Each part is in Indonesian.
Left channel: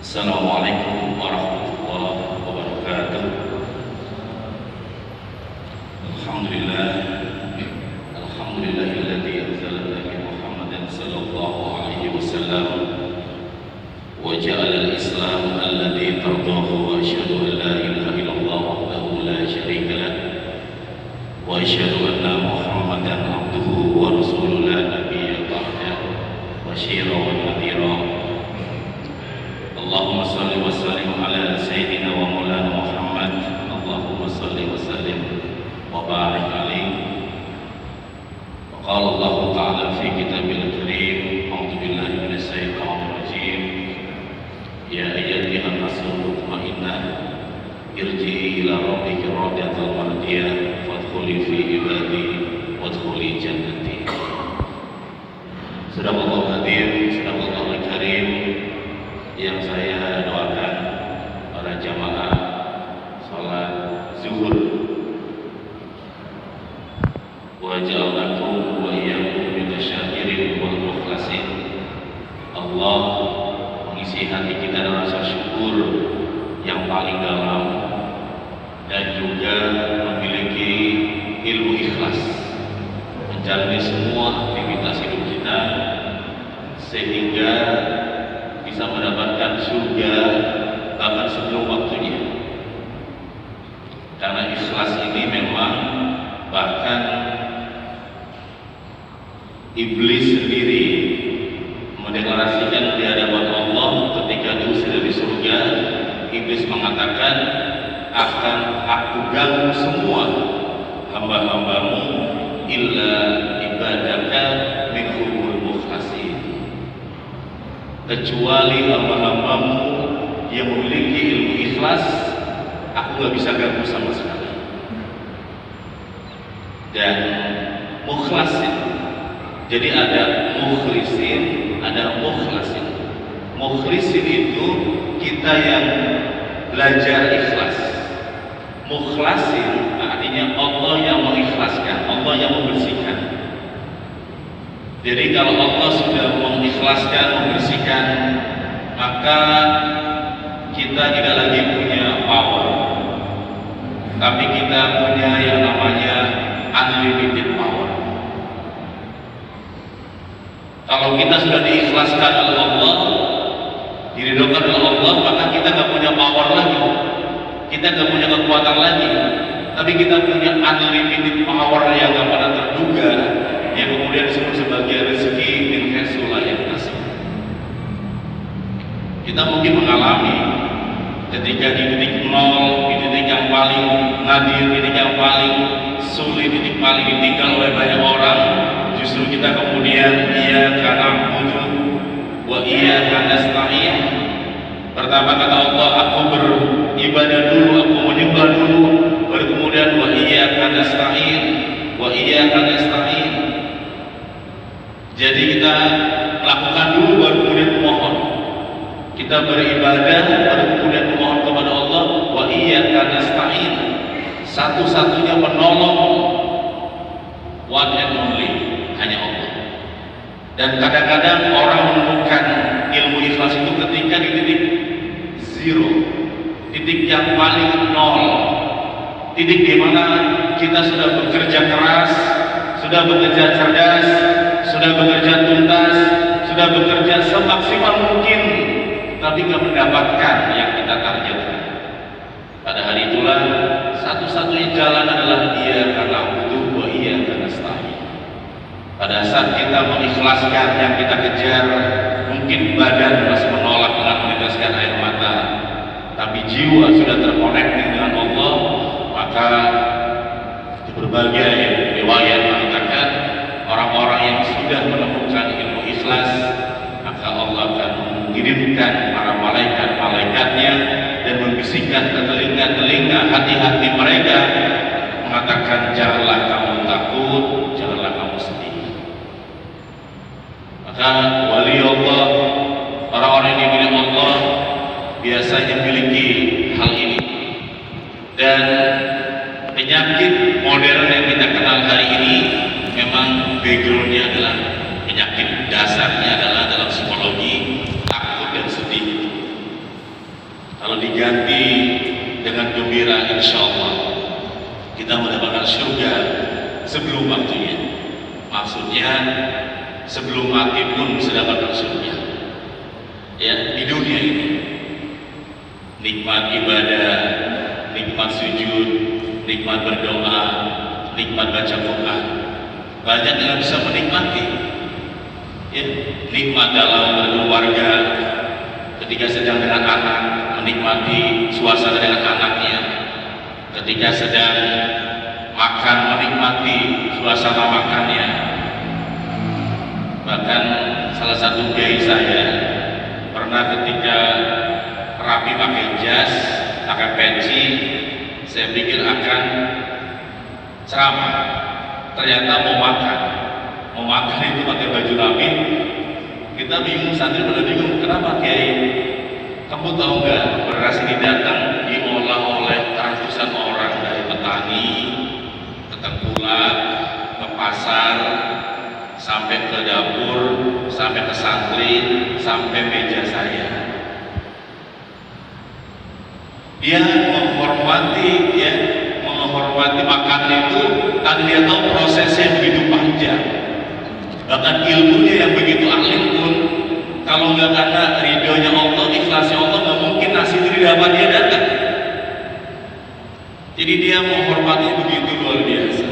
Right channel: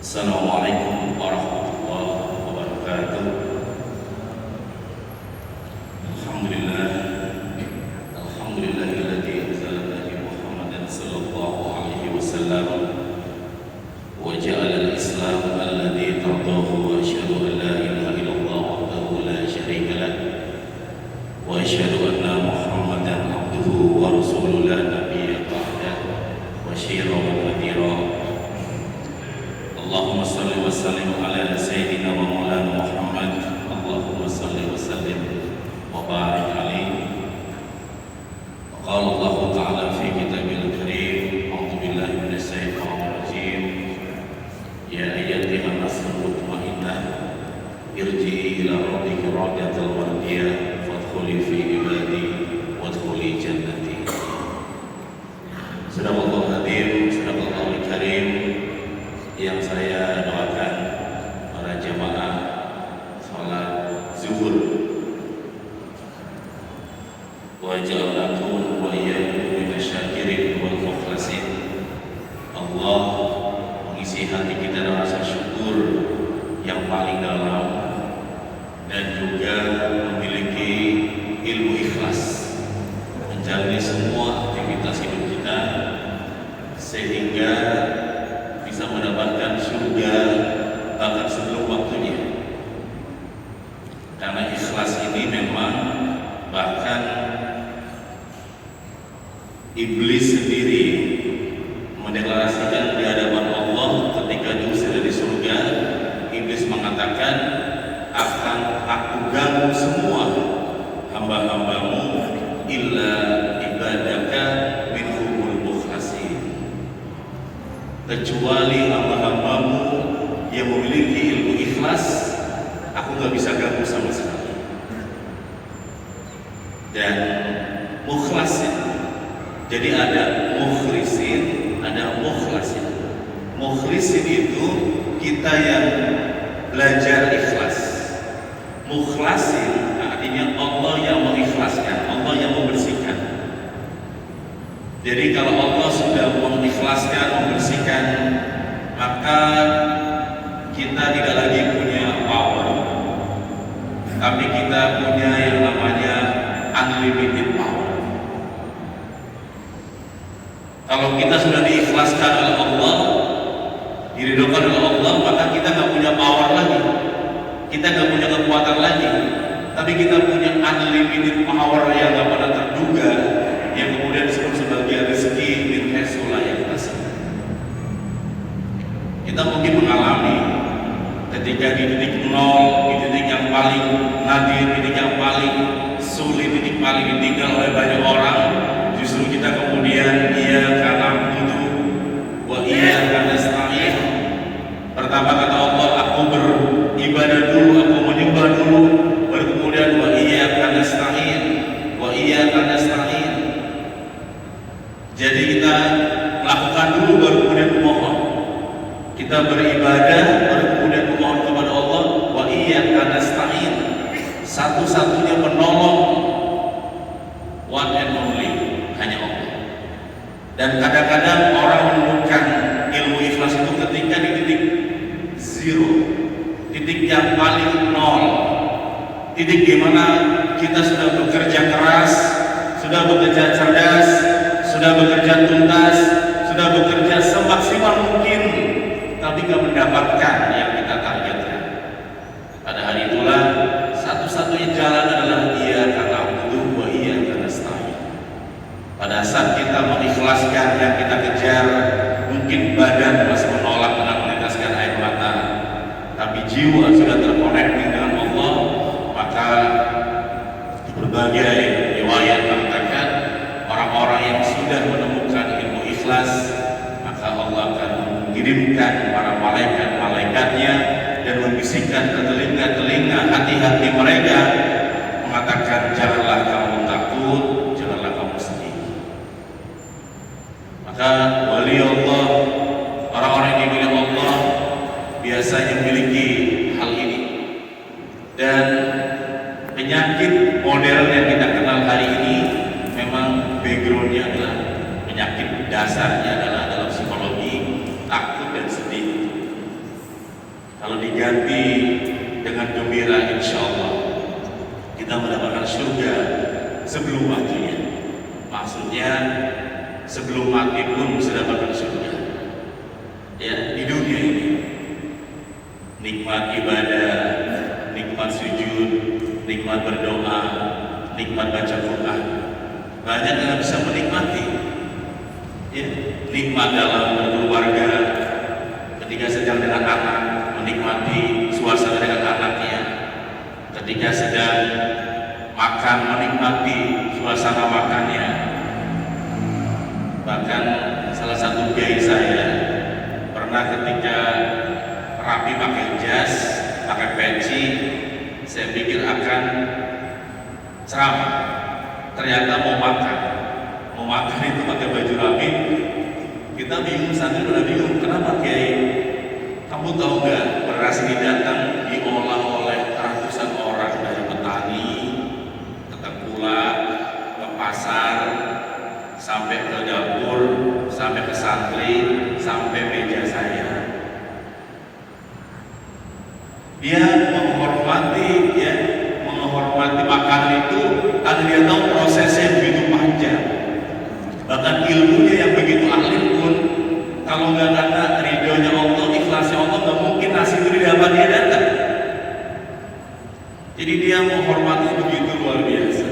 Assalamualaikum warahmatullahi wabarakatuh. Alhamdulillah, alhamdulillahilladzi anzala Nabi Muhammadan sallallahu alaihi wasallam wa ja'ala al-islam alladzi tardahu, wa asyhadu an la ilaha illallah wahdahu la syarika lah, wa asyhadu anna Muhammadan abduhu wa rasuluhu la nabiyya ba'dahu basyiran wa nadhiran. Allahumma salli wa sallim ala sayyidina wa maulana Muhammad. Allahumma salli wa sallim wa barik alaihi. Qala Allah ta'ala fi kitabil karim, a'udzu billahi minasy syaithanir rajim. Ya ayyuhan nasu mutmainnah irji'i ila rabbika radiyatan mardiyah fadkhuli fi ibadi wadkhuli jannati. Sadaqallahu hadir, sadaqallahu karim. Yang saya doakan para jamaah salat zuhur, wa ja'alnakum wa iyyakum minasyakirin wal mukhlasin. Allah mengisi hati kita dengan rasa syukur yang paling dalam dan juga memiliki ilmu ikhlas menjalani semua aktivitas hidup kita sehingga bisa mendapatkan surga bahkan sebelum waktunya. Karena ikhlas ini memang bahkan iblis sendiri mendeklarasikan di hadapan Allah ketika diusir dari surga. Iblis mengatakan, akan aku ganggu semua hamba-hambamu illa ibadaka minhumul mukhlasin, kecuali hamba-hambamu yang memiliki ilmu ikhlas, aku gak bisa ganggu sama sekali. Dan mukhlasin, jadi ada mukhlisin, ada mukhlasin. Mukhlisin itu kita yang belajar ikhlas. Mukhlasin artinya Allah yang mengikhlaskan, Allah yang membersihkan. Jadi kalau Allah sudah mengikhlaskan, membersihkan, maka kita tidak lagi punya power, tapi kita punya yang namanya unlimited power. Kalau kita sudah diikhlaskan oleh Allah, diridhokan oleh Allah, maka kita nggak punya power lagi, kita nggak punya kekuatan lagi, tapi kita punya unlimited power yang nggak pernah terduga, yang kemudian disebut sebagai rezeki min haitsu la yahtasib. Kita mungkin mengalami ketika di titik nol, di titik yang paling nadir, di titik yang paling sulit, di titik paling ditinggal oleh banyak orang, justru kita kemudian iyyaka na'budu wa iyyaka nasta'in. Pertama kata Allah, aku beribadah dulu, aku menyembah dulu, baru kemudian wa iyyaka nasta'in, wa iyyaka nasta'in. Jadi kita lakukan dulu baru kemudian memohon. Kita beribadah baru kemudian memohon kepada Allah. Wa iyyaka nasta'in, satu-satunya penolong, one and only, hanya Allah. Dan kadang-kadang orang menemukan ilmu ikhlas itu ketika di titik zero, titik yang paling nol, titik di mana kita sudah bekerja keras, sudah bekerja cerdas, sudah bekerja tuntas, sudah bekerja semaksimal mungkin, tapi tidak mendapatkan yang kita targetkan. Pada hari itulah satu-satunya jalan adalah iyyaka na'budu wa iyyaka nasta'in. Pada saat kita mengikhlaskan yang kita kejar, mungkin badan masih menolak dengan meneteskan air mata, tapi jiwa sudah terkoneksi dengan Allah, maka di berbagai riwayat mengatakan orang-orang yang sudah menemukan ilmu ikhlas, maka Allah akan mengirimkan para malaikat-malaikatnya dan membisikkan ke telinga-telinga hati-hati mereka, mengatakan janganlah kamu takut, janganlah kamu sedih. Maka wali Allah, orang-orang yang dimiliki Allah biasanya memiliki hal ini. Dan penyakit modern yang kita kenal hari ini memang backgroundnya adalah penyakit dasarnya adalah dalam psikologi takut dan sedih. sebelum waktunya. Maksudnya sebelum mati pun sudah masuk surga. Ya, di dunia ini nikmat ibadah, nikmat sujud, nikmat berdoa, nikmat baca Quran, banyak yang bisa menikmati. Ya, nikmat dalam keluarga, ketika sedang dengan anak, menikmati suasana dengan anaknya, ketika sedang makan, menikmati suasana makannya. Bahkan salah satu kiai saya pernah ketika rapi pakai jas, pakai peci, saya pikir akan ceramah, ternyata mau makan itu pakai baju rapi. Kita bingung, santri pada bingung, kenapa kiai? Kamu tahu nggak, beras ini datang diolah oleh ratusan orang, dari petani ke tengkulak, ke pasar, sampai ke dapur, sampai ke santri, sampai meja saya. Dia menghormati makanan itu karena dia tahu prosesnya begitu panjang. Bahkan ilmunya yang begitu alim pun, kalau nggak ada ridhonya Allah, ikhlasnya Allah, nggak mungkin nasi itu didapat dia datang. Jadi dia menghormati begitu luar biasa.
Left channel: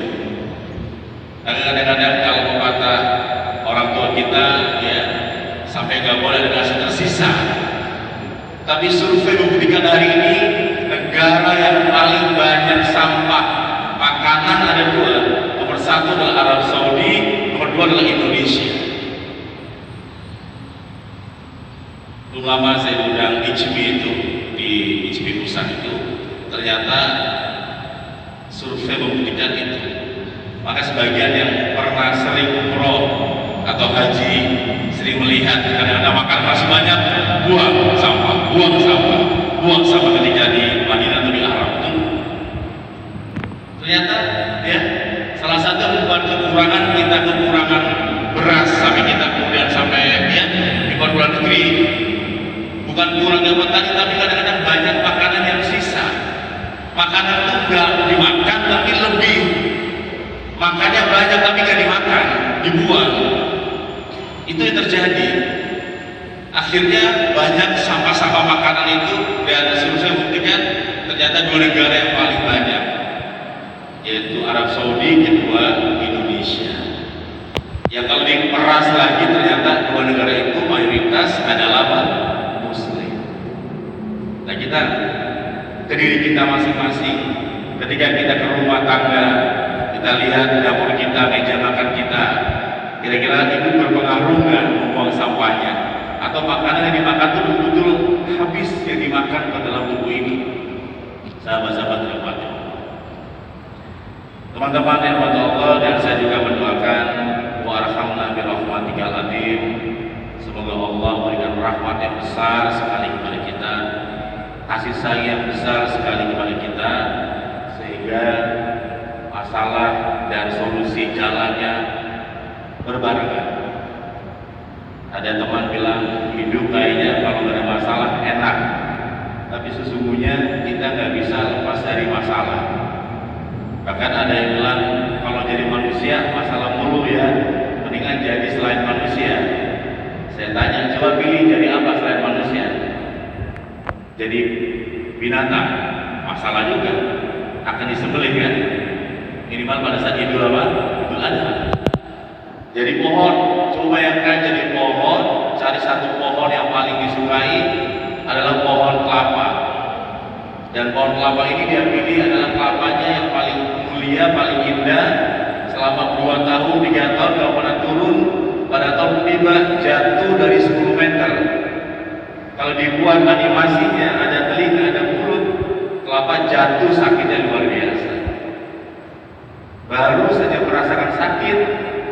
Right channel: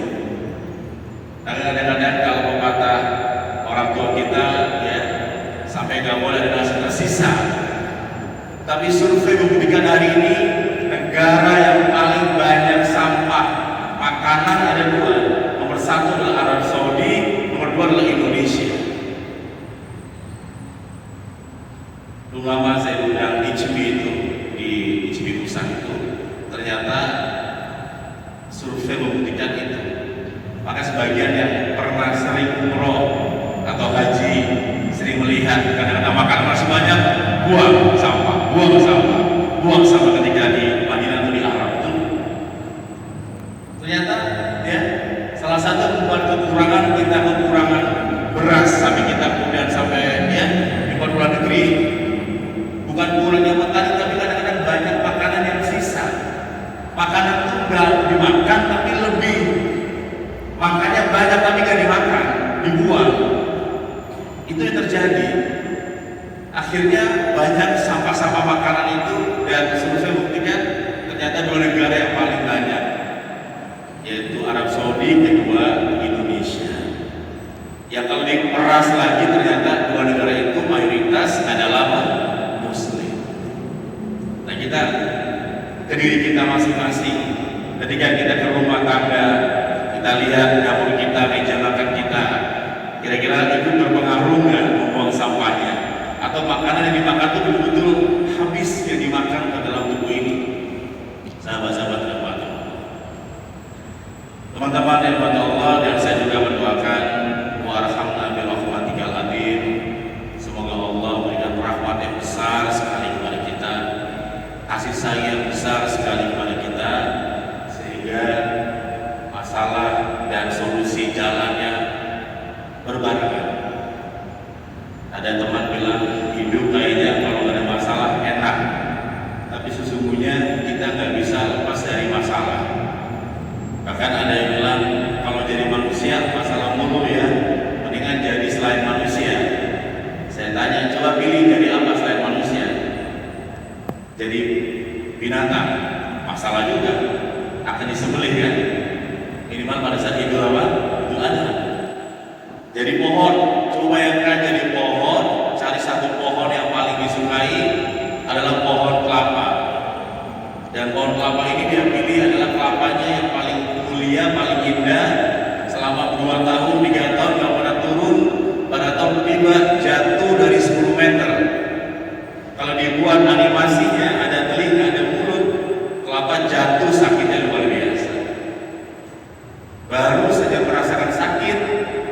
Kadang-kadang kalau kata orang tua kita, ya sampai nggak boleh ada nasi tersisa. Tapi survei membuktikan hari ini negara yang paling banyak sampah makanan ada dua. Nomor satu adalah Arab Saudi, nomor dua adalah Indonesia. Dulu lama saya undang ICB itu, di ICB Pusat itu, ternyata survei membuktikan itu. Maka sebagian yang pernah sering umroh atau haji, sering melihat kadang-kadang makan masih banyak, buang sampah ketika di Madinah atau di Arab itu. Ternyata ya salah satu membuat kekurangan beras sampai kita kemudian sampai ya di luar negeri. Bukan kurang yang petani, tapi kadang-kadang banyak makanan yang sisa. Makanan itu nggak dimakan tapi lebih, makannya banyak tapi nggak dimakan, dibuang. Itu yang terjadi. Akhirnya banyak sampah-sampah makanan itu, dan survei buktikan ternyata dua negara yang paling banyak, yaitu Arab Saudi, kedua Indonesia. Ya kalau diperas lagi ternyata dua negara itu mayoritas adalah Muslim. Nah kita ke diri kita masing-masing, ketika kita ke rumah tangga, kita lihat dapur kita, meja makan kita, kira-kira itu berpengaruh nggak membuang sampahnya? Atau makanan yang dimakan itu betul-betul habis yang dimakan ke dalam tubuh ini? Sahabat-sahabat terhormat, teman-teman yang berdoa Allah, dan saya juga mendoakan warhamna bi rahmatikal azim, semoga Allah memberikan rahmat yang besar sekali kepada kita, kasih sayang besar sekali kepada kita, sehingga masalah dan solusi jalannya berbarengan. Ada teman bilang hidup kayaknya kalau ada masalah enak, tapi sesungguhnya kita nggak bisa lepas dari masalah. Bahkan ada yang bilang kalau jadi manusia masalah mulu ya, mendingan jadi selain manusia. Saya tanya, coba pilih jadi apa selain manusia? Jadi binatang, masalah juga, akan disembelih kan? Minimal pada saat Idul Adha. Jadi pohon, coba bayangkan jadi pohon, cari satu pohon yang paling disukai adalah pohon kelapa. Dan pohon kelapa ini dia pilih adalah kelapanya yang paling mulia, paling indah. Selama 2 tahun, 3 tahun nggak pernah turun. Pada tahun ketiga jatuh dari 10 meter. Kalau dibuat animasinya, ada telinga, ada mulut, kelapa jatuh sakitnya luar biasa. Baru saja merasakan sakit,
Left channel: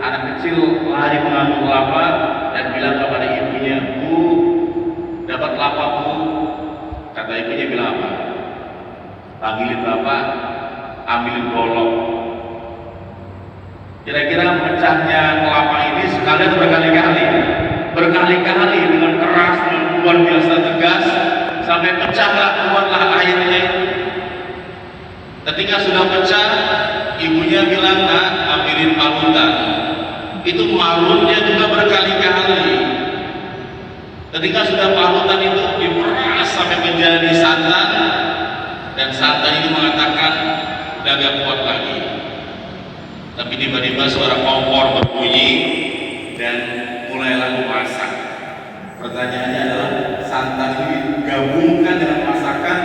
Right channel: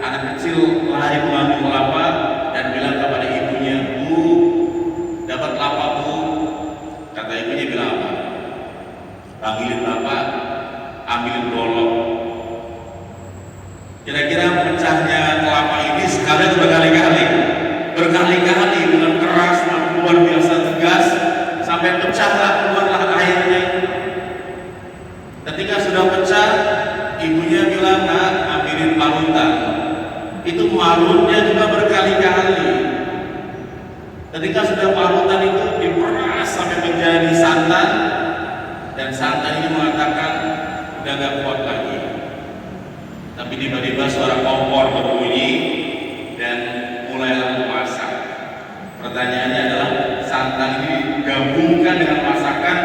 anak kecil lari mengambil kelapa dan bilang kepada ibunya, "Bu, dapat kelapa Bu." Kata ibunya bilang apa? "Panggilin bapak, ambilin golok." Kira-kira pecahnya kelapa ini sekali atau berkali-kali dengan keras, luar biasa tegas, sampai pecahlah, keluarlah airnya. Ketika sudah pecah, ibunya bilang, "Nak, bikin parutan, itu marutnya juga berkali-kali. Ketika sudah parutan itu diperas sampai menjadi santan, dan santan ini mengatakan udah gak kuat lagi. Tapi tiba-tiba suara kompor berbunyi dan mulailah masak. Pertanyaannya adalah santan ini digabungkan dengan masakan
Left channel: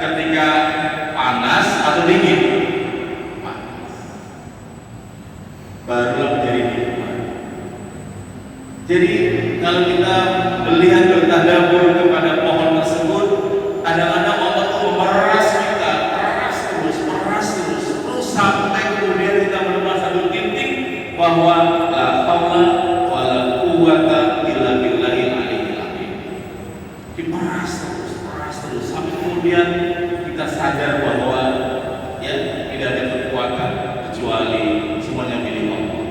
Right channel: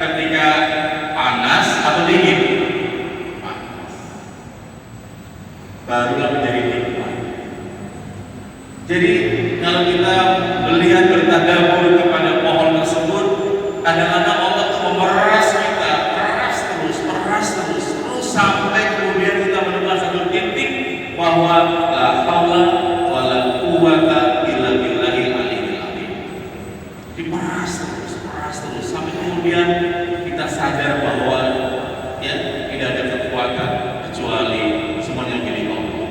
ketika panas atau dingin? Panas. Barulah menjadi nikmat. Jadi kalau kita melihat bertadabbur kepada pohon tersebut, kadang-kadang Allah itu memeras kita, peras terus sampai kemudian kita menemukan satu titik bahwa la haula wala quwwata illa billahil aliyyil azim. Diperas terus sampai kemudian kita sadar bahwa ya tidak ada kekuatan kecuali semuanya milik Allah.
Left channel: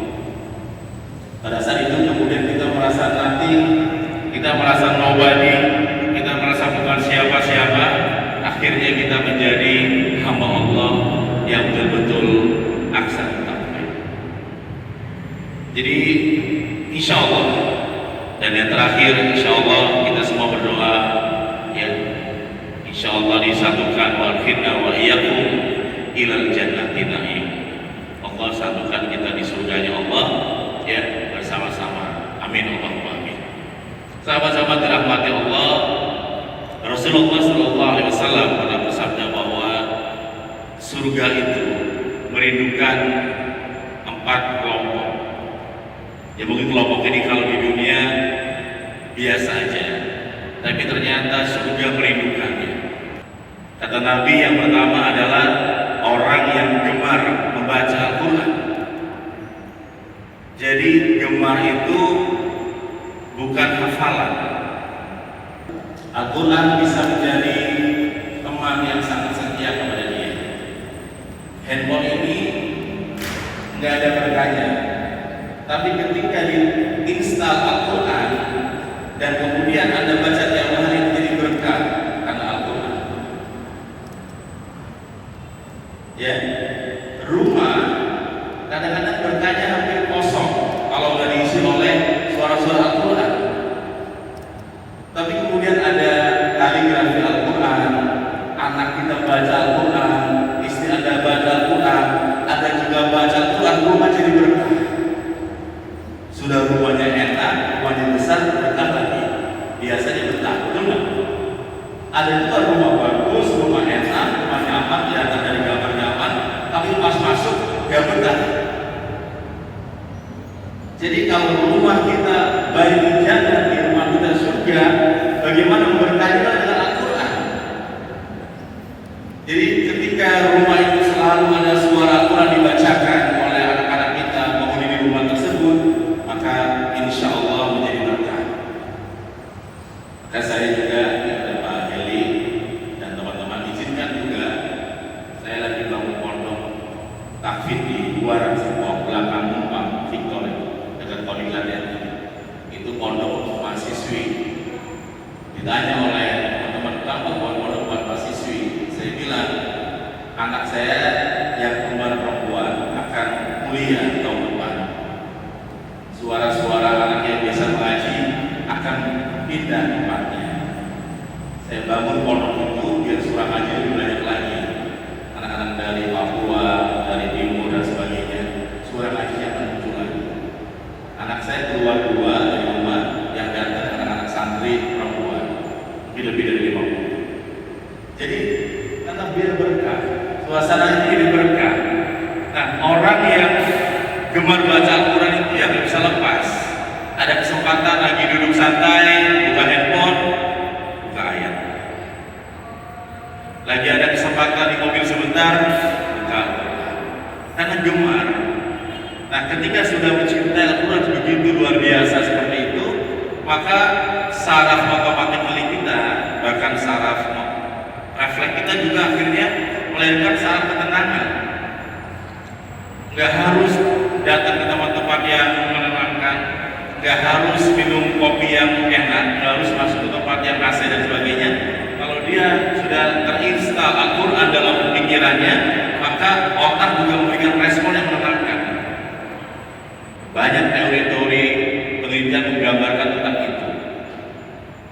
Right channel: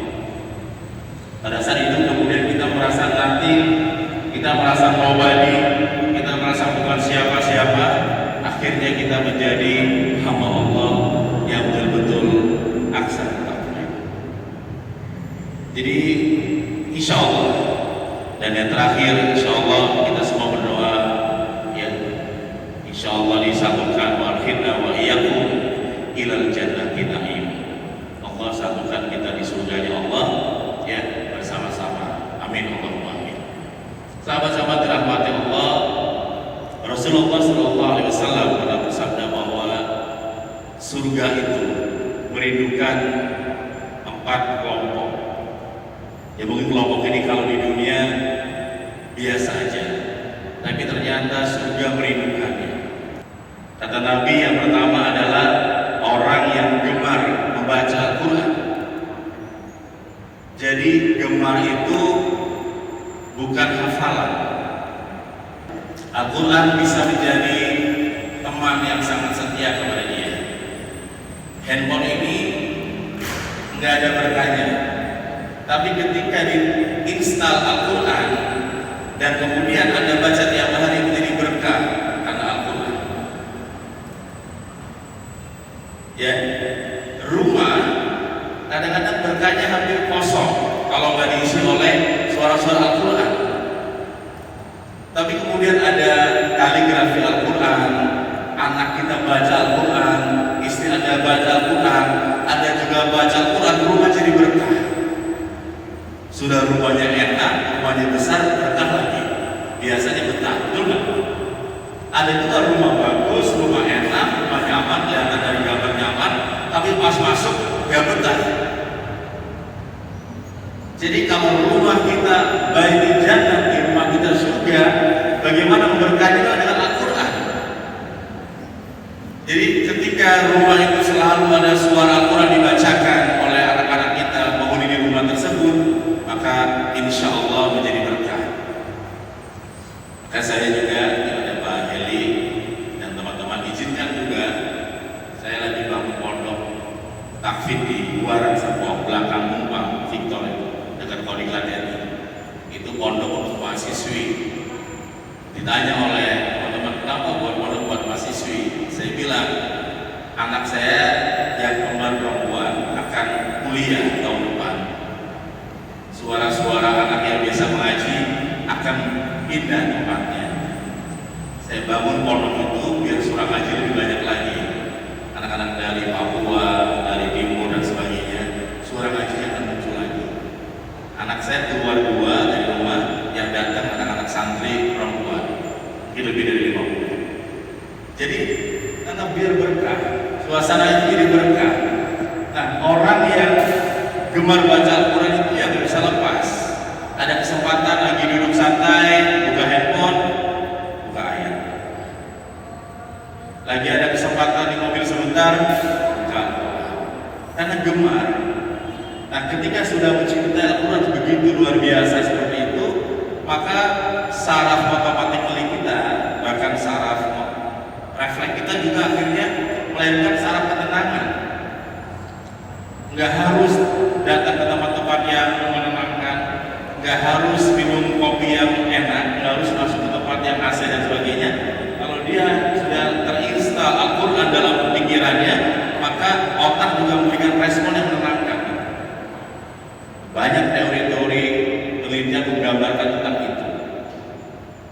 Pada saat itu kemudian kita merasa nothing, kita merasa nobody, kita merasa bukan siapa-siapa. Akhirnya kita menjadi hamba Allah yang betul-betul aksan. Jadi insya Allah, dan yang terakhir insya Allah kita semua berdoa ya, insya Allah disatukan akhirnya wa iyyakum ilal jannati na'im. Allah satukan kita di surganya Allah ya bersama-sama. Amin Allahumma amin. Sahabat-sahabat dirahmati Allah, Rasulullah SAW pernah bersabda bahwa surga itu merindukan 4 kelompok. Ya mungkin kelompok ini kalau di dunia biasa aja, tapi ternyata surga merindukannya. Kata Nabi yang pertama adalah orang yang gemar membaca Al-Quran. Jadi gemar itu bukan hafalan. Al-Quran bisa menjadi teman yang sangat setia kepada dia. Handphone ini nggak ada berkahnya, tapi ketika diinstal Al-Quran dan kemudian Anda baca tiap hari menjadi berkah karena Al-Quran. Ya, rumah kadang-kadang berkahnya hampir kosong kalau nggak diisi oleh suara-suara Al-Quran. Tapi kemudian ada kaligrafi Al-Quran, anak kita baca Al-Quran, istri Anda baca Al-Quran, Anda juga baca Al-Quran, rumah jadi berkah. Sudah rumahnya enak, rumahnya besar, berkah lagi. Biasanya betah, benar. Ada juga rumah bagus, rumah enak, rumah nyaman, kelihatan dari gambar nyaman, tapi pas masuk gak betah. Jadi kalau rumah kita baik jannah, di rumah kita surga, bagaimana berkahnya dengan Al-Quran? Jadi ketika rumah itu selalu ada suara Al-Quran dibacakan oleh anak-anak kita penghuni di rumah tersebut, maka insya Allah menjadi berkah. Maka saya juga kepada Pak Heli dan teman-teman izinkan juga, saya lagi bangun pondok takfid di luar sebuah belakang Numpang Victor dekat Kodik Ladani. Itu pondok untuk mahasiswi. Ditanya oleh teman-teman, kenapa buat pondok buat mahasiswi? Saya bilang, anak saya yang kembar perempuan akan kuliah tahun depan. Suara-suara anak yang biasa mengaji akan pindah tempatnya. Saya bangun pondok itu biar suara ngaji lebih banyak lagi. Anak-anak dari Papua, dari Timur dan sebagainya, suara ngajinya akan muncul lagi. Anak saya keluar 2 dari rumah, yang datang anak-anak santri perempuan. Ini lebih dari 50. Jadi tetap biar berkah, suasana ini berkah. Nah, orang yang gemar baca Al-Quran itu ya nggak bisa lepas. Ada kesempatan lagi duduk santai, buka handphone, buka ayat. Lagi ada kesempatan di mobil sebentar, buka Al-Quran. Karena gemar. Nah, ketika sudah mencintai Al-Quran begitu luar biasa seperti itu, maka saraf mata telik kita, bahkan saraf refleks kita juga akhirnya melahirkan saraf ketenangan. Nggak harus datang ke tempat-tempat yang menenangkan, nggak harus minum kopi yang enak, nggak harus masuk ke tempat yang AC dan sebagainya. Kalau dia sudah terinstal Al-Quran dalam pikirannya, maka otak juga memberikan respon yang menenangkan.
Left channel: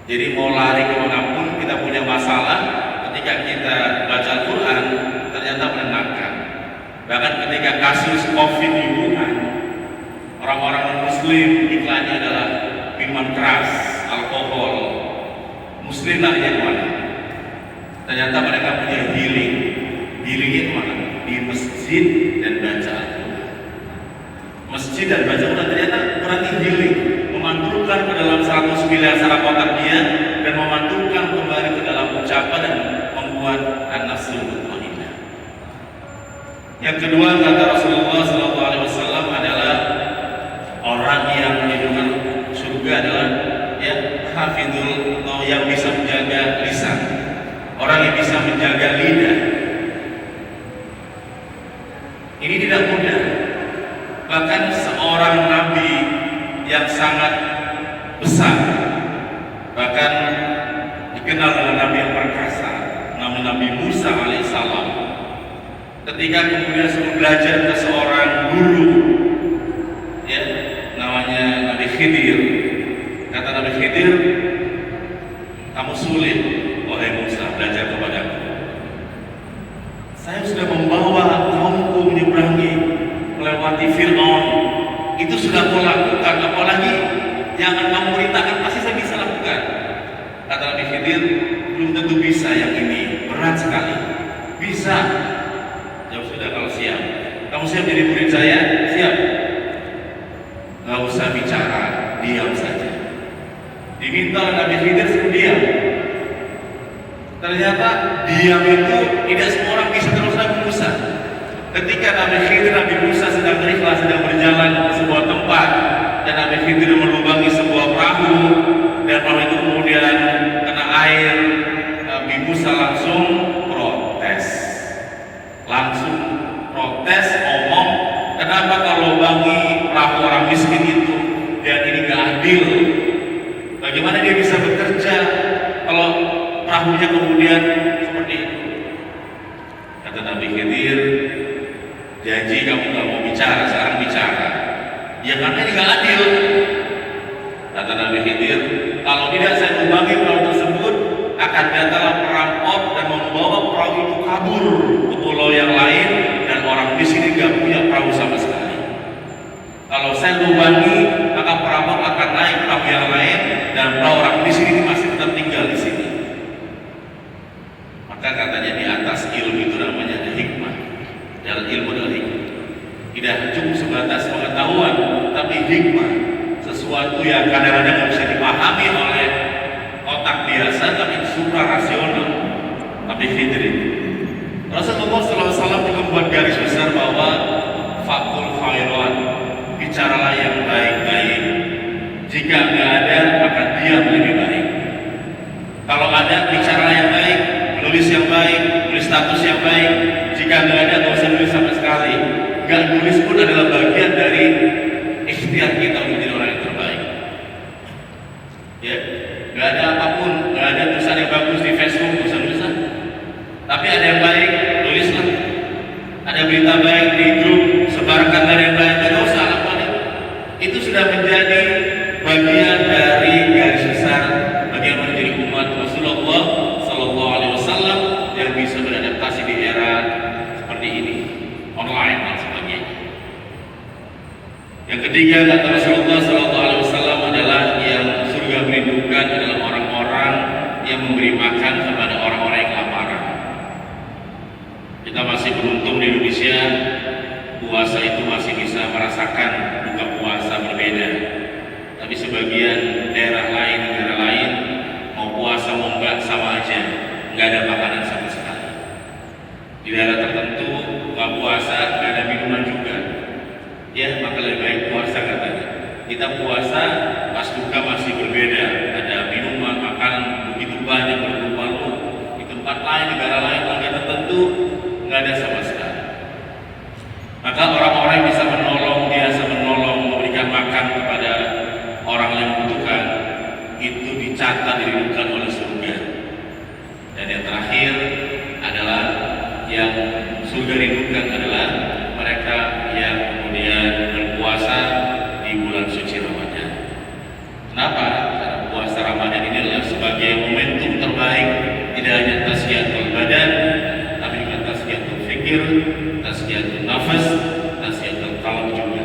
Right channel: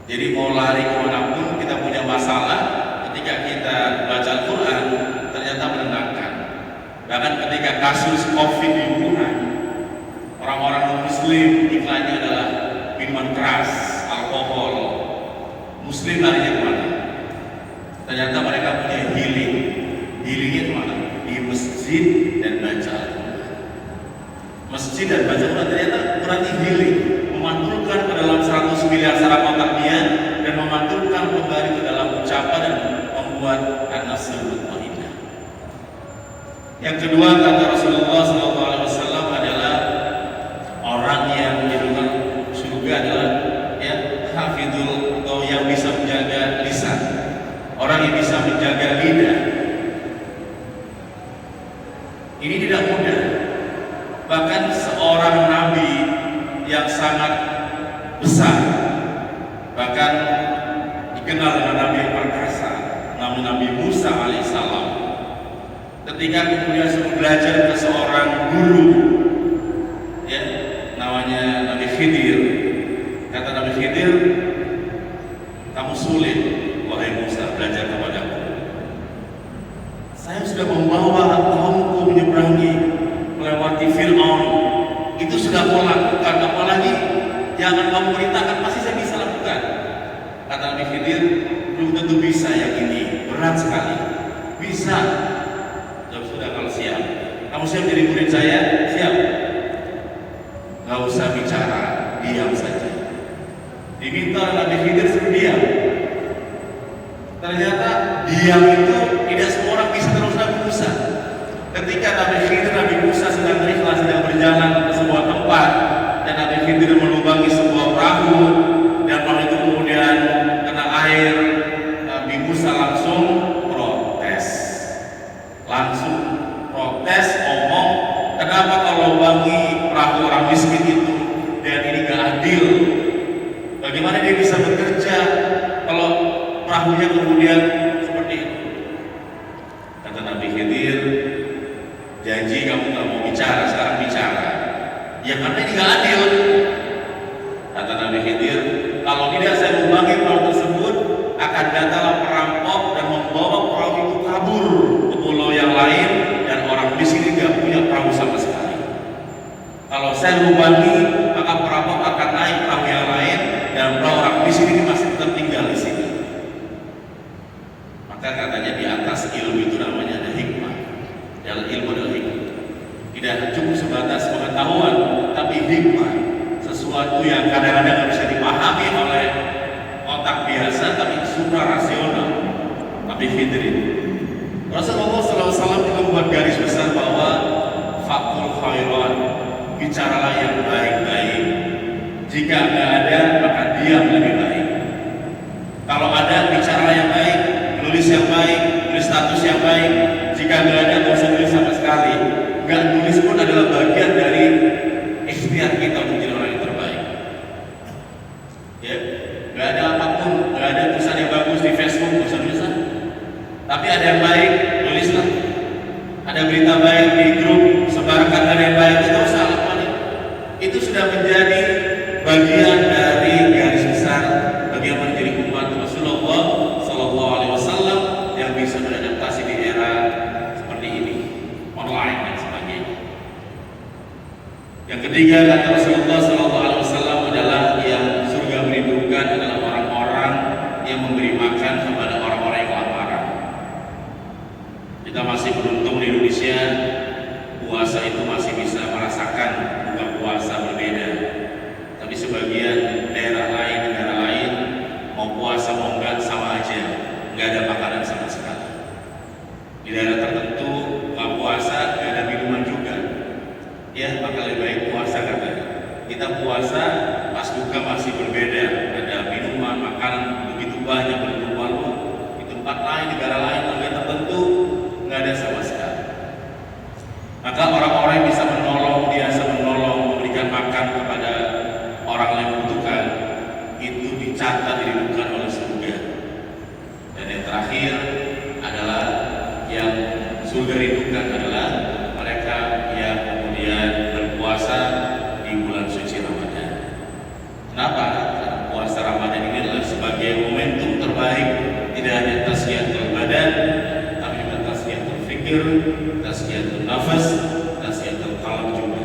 Jadi mau lari kemanapun kita punya masalah, ketika kita baca Al-Quran ternyata menenangkan. Bahkan ketika kasus COVID di Wuhan, orang-orang Muslim iklannya adalah minuman keras, alkohol. Muslim larinya kemana? Ternyata mereka punya healing. Healingnya kemana? Di masjid dan baca Al-Quran. Masjid dan baca Al-Quran ternyata berarti healing, memantulkan ke dalam 100 miliar saraf otak dia dan memantulkan kembali ke dalam ucapan dan membuat an-nasrul mutmainnah. Yang kedua kata Rasulullah SAW adalah orang yang menyebutkan surga adalah ya hafidul, atau yang bisa menjaga lisan, orang yang bisa menjaga lidah. Ini tidak mudah. Bahkan seorang nabi yang sangat besar, bahkan dikenal dengan nabi yang perkasa, Nabi Musa alaihissalam, ketika kemudian sudah belajar ke seorang guru, ya namanya Nabi Khidir, kata Nabi Khidir, kamu sulit wahai Musa belajar kepadaku. Saya sudah membawa kaumku menyeberangi, melewati Fir'aun, itu sudah kau lakukan, apalagi yang akan kamu ceritakan pasti saya bisa lakukan. Kata Nabi Khidir, belum tentu bisa yang ini, berat sekali. Bisa. Ya sudah, kalau siap, kamu siap jadi murid saya? Siap. Gak usah bicara, diam saja. Diminta Nabi Khidir suruh diam. Ternyata diam itu tidak semua orang bisa terus Nabi Musa. Ketika Nabi Khidir, Nabi Musa sedang berikhlas, sedang berjalan ke sebuah tempat, dan Nabi Khidir melubangi sebuah perahu, dan perahu itu kemudian kena air. Nabi Musa langsung protes, ngomong, kenapa kalau bagi perahu orang miskin itu, dan ini gak adil? Bagaimana dia bisa bekerja kalau perahunya kemudian seperti itu? Kata Nabi Khidir, janji kamu kalau mau bicara, sekarang bicara. Ya karena ini gak adil. Kata Nabi Khidir, kalau tidak saya membagi perahu tersebut, akan datanglah perampok dan membawa perahu itu kabur ke pulau yang lain, dan orang di sini gak punya perahu sama sekali. Kalau saya membagi, maka perampok akan naik perahu yang lain, dan perahu orang di sini masih tetap tinggal di sini. Maka katanya di atas ilmu itu namanya ada hikmah. Dalam ilmu adalah hikmah. Tidak cukup sebatas pengetahuan, tapi hikmah. Sesuatu yang kadang-kadang bisa dipahami oleh otak biasa, tapi suprarasional. Nabi Khidir. Rasulullah SAW juga membuat garis besar bahwa fakul khairan, bicaralah yang baik-baik. Jika tidak ada, maka diam lebih baik. Kalau ada, bicaralah yang baik, tulis yang baik, tulis status yang baik. Jika tidak ada, tidak usah nulis sama sekali. Gak nulis pun adalah bagian dari ikhtiar kita untuk menjadi orang yang terbaik. Ya, gak ada apapun, gak ada tulisan yang bagus di Facebook, tulisan-tulisan. Tapi ada yang baik, tulislah. Ada berita baik di grup, sebarkan dari yang baik, itu salah paling. Itu sudah menjadi bagian dari garis besar bagaimana menjadi umat Rasulullah SAW yang bisa beradaptasi di era seperti ini, online dan sebagainya. Yang ketiga kata Rasulullah SAW adalah yang surga merindukan adalah orang-orang yang memberi makan kepada orang-orang yang kelaparan. Kita masih beruntung di Indonesia, puasa itu masih bisa merasakan buka puasa berbeda. Tapi sebagian daerah lain, negara lain, mau puasa mau enggak sama aja, nggak ada makanan sama sekali. Di daerah tertentu nggak puasa, nggak ada minuman juga. Ya, maka lebih baik puasa katanya. Kita puasa pas buka masih berbeda, ada minuman, makanan begitu banyak berlumpur. Di tempat lain, negara lain, negara tertentu nggak ada sama sekali. Maka orang-orang yang bisa menolong, biasa menolong, memberikan makan kepada orang yang membutuhkan, itu dicatat, dirindukan oleh surga. Dan yang terakhir adalah yang surga rindukan adalah mereka yang kemudian berpuasa di bulan suci Ramadan. Kenapa? Karena puasa Ramadan ini adalah fikir, tasqiyatul nafas, tasqiyatul qalb juga.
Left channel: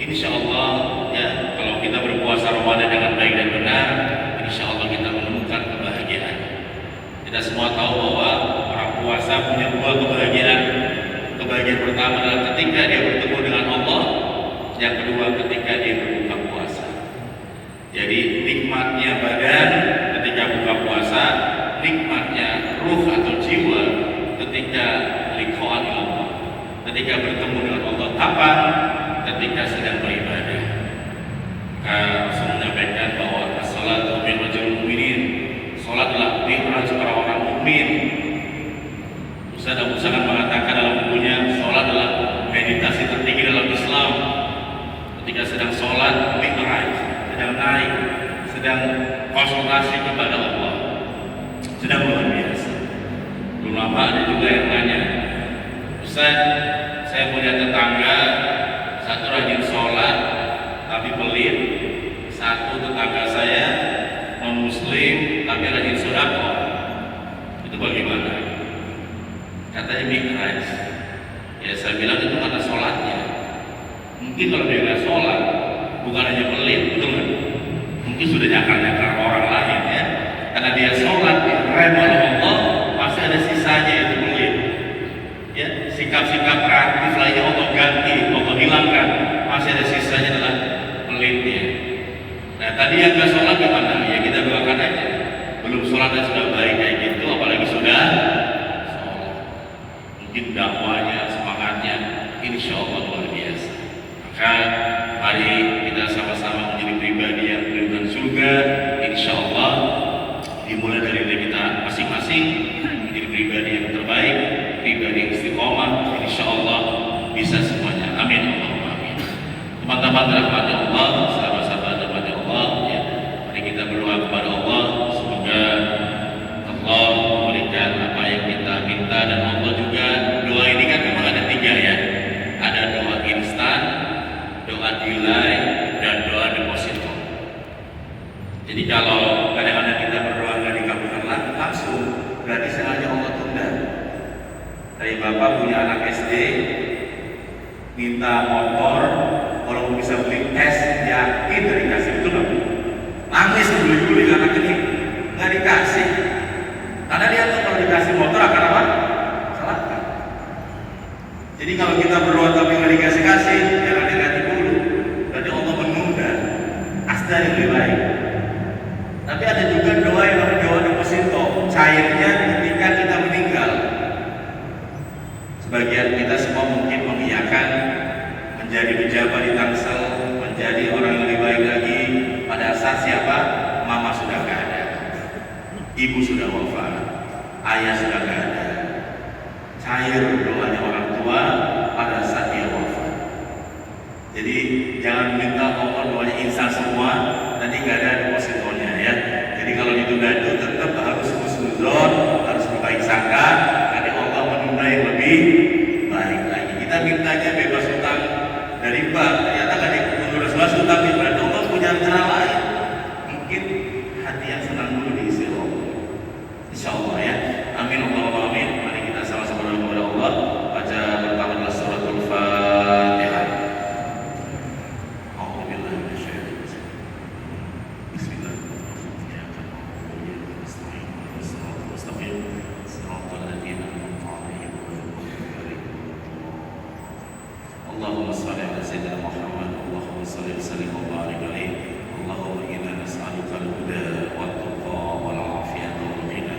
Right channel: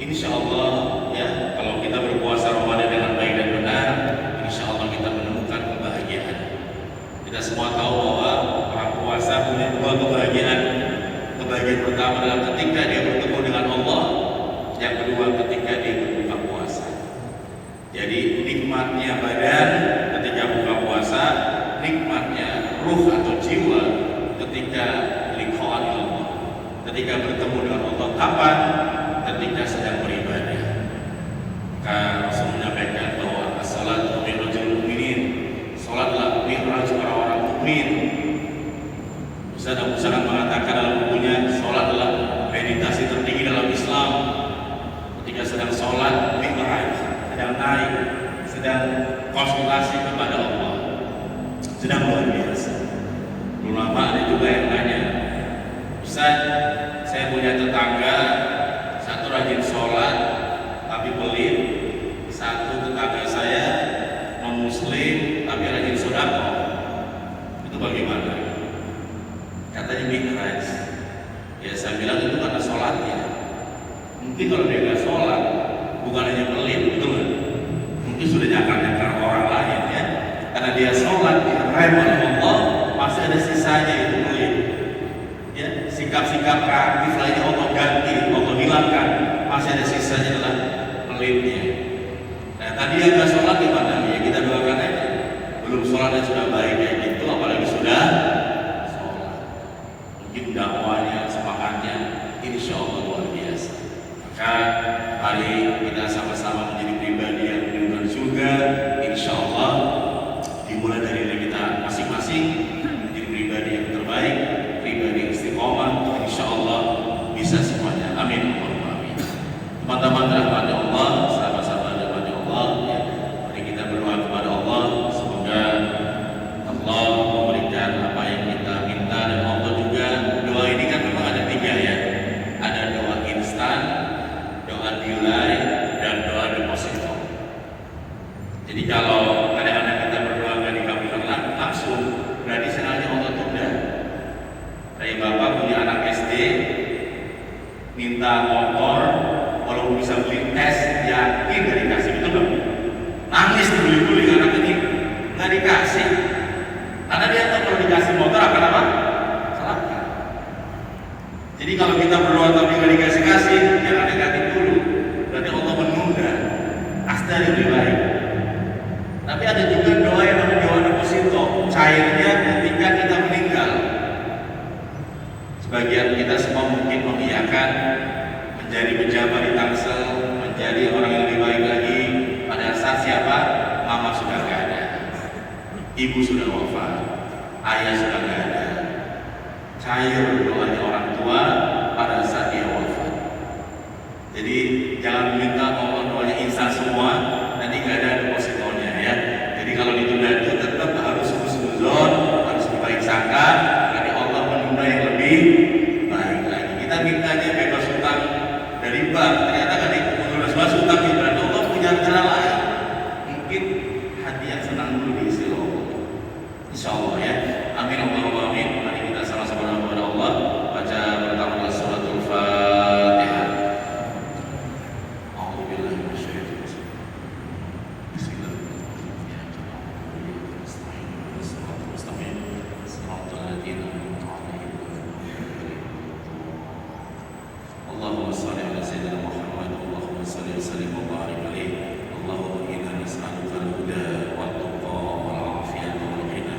Insya Allah ya, kalau kita berpuasa Ramadan dengan baik dan benar, insya Allah kita menemukan kebahagiaan. Kita semua tahu bahwa orang puasa punya dua kebahagiaan. Kebahagiaan pertama adalah ketika dia bertemu dengan Allah, yang kedua ketika dia berbuka puasa. Jadi nikmatnya badan ketika buka puasa, nikmatnya ruh atau jiwa ketika liqa'an Allah, ketika bertemu dengan Allah. Kapan? Ketika sedang beribadah. Maka saya menyampaikan bahwa as-salatu min rajul mu'minin, salatlah mi'raj orang-orang mukmin. Ustaz Abu Salam mengatakan dalam bukunya, salat adalah meditasi tertinggi dalam Islam. Ketika sedang salat, mi'raj, sedang naik, sedang konsultasi kepada Allah, sedang luar biasa. Ulama ada juga yang nanya, Ustaz, saya punya tetangga, satu rajin sholat tapi pelit, satu tetangga saya non muslim tapi rajin sedekah, itu bagaimana? Katanya mi'raj. Ya saya bilang itu karena sholatnya. Mungkin kalau dia nggak sholat, bukan hanya pelit, betul kan? Mungkin sudah nyakar-nyakar orang lain ya. Karena dia sholat, direm oleh Allah, pasti ada sisanya itu pelit. Ya, sikap-sikap kreatif lainnya Allah ganti, Allah hilangkan, masih ada sisanya dalam pelitnya. Nah tadi yang nggak sholat gimana? Ya kita doakan aja. Belum sholatnya sudah baik kayak gitu, apalagi sudah sholat. Mungkin dakwanya, semangatnya, insya Allah luar biasa. Maka hari kita sama-sama menjadi pribadi yang menunjukkan surga, insya Allah dimulai dari diri kita masing-masing menjadi pribadi yang terbaik, pribadi yang istiqomah, insya Allah bisa semuanya. Amin. Amin. Teman-teman rahmatnya Allah, sahabat-sahabat rahmatnya Allah, ya. Mari kita berdoa kepada Allah, semoga Allah memberikan apa yang kita minta, dan Allah juga, doa ini kan memang ada tiga ya. Ada doa instan, doa delay, dan doa deposito. Jadi kalau kadang-kadang kita berdoa nggak dikabulkan langsung, berarti sengaja Allah tunda. Dari bapak punya anak SD, minta motor, kalau bisa beli tes, yakin dari dikasih, betul nggak? Nangis dibeli-beli anak ini, nggak dikasih. Karena dia tahu kalau dikasih motor akan apa? Celaka. Jadi kalau kita berdoa tapi nggak dikasih-kasih, jangan negatif dulu. Berarti Allah menunda. Pasti ada yang lebih baik. Tapi ada juga doa yang namanya doa deposito, cairnya ketika kita meninggal. Sebagian kita semua mungkin mengiyakan menjadi pejabat di Tangsel, menjadi orang yang lebih baik lagi. Pada saat siapa? Mama sudah nggak ada, ibu sudah wafat, ayah sudah nggak ada. Cair doanya orang tua pada saat dia wafat. Jadi jangan minta Allah doanya instan semua, nanti nggak ada depositonya ya. Jadi kalau ditunda itu tetap harus husnuzon, harus berbaik sangka, karena Allah menunda yang lebih baik lagi. Kita mintanya bebas hutang dari bank, ternyata nggak dibebas hutang, berarti Allah punya rencana lain. Mungkin hati yang senang dulu diisi Allah. Insya Allah ya. Amin. Allahumma amin. Mari kita sama-sama kepada Allah. Baca pertama suratul Fatihah. Allahumma salli ala sayyidina Muhammad, Allahumma salli wa sallim wa barik alaihi. Allahumma inna nas'aluka al-huda wa at-tuqa wal 'afiyata wal ghina.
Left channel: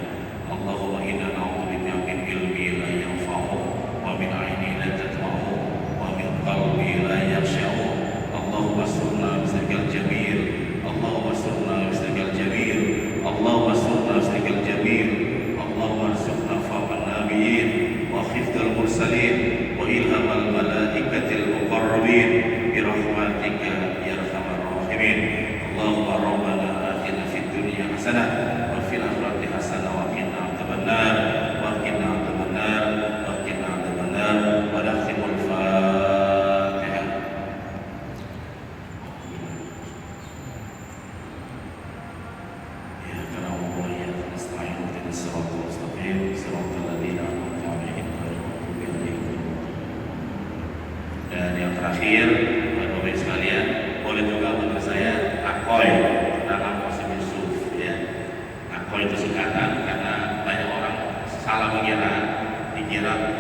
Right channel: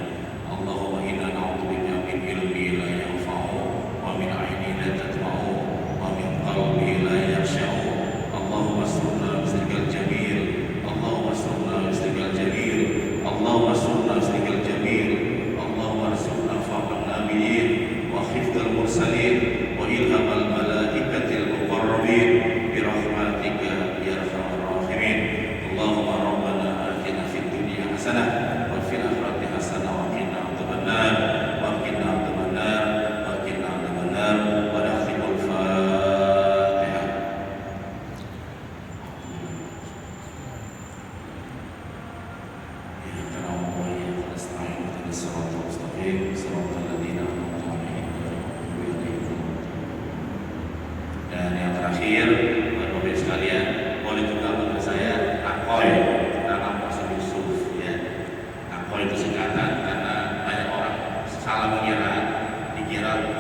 Allahumma inna na'udzubika min ilmi la yanfa'u wa min 'ainin la tadma'u wa min qalbi la yakhsha'u. Allahumma asturna bisrikal jamil. Allahumma asturna bisrikal jamil. Allahumma asturna bisrikal jamil. Allahumma arzuqna fawqa nabiyyin wa khifdal mursalin wa ilhamal malaikatil muqarrabin bi rahmatika ya arhamar rahimin. Allahumma rabbana atina fid dunya hasanah wa fil akhirati hasanah wa qina adzabannar wa qina adzabannar wa qina adzabannar wa akhirul Fatihah. Ya kalam wa ya nasta'in wa siratal mustaqim siratal ladzina an'amta 'alaihim ghairil maghdubi terakhir, Bapak-Ibu sekalian, boleh juga untuk saya Akoy dalam bahasa Yusuf ya. Akoy itu singkatan karena banyak orang salah mengira, dikira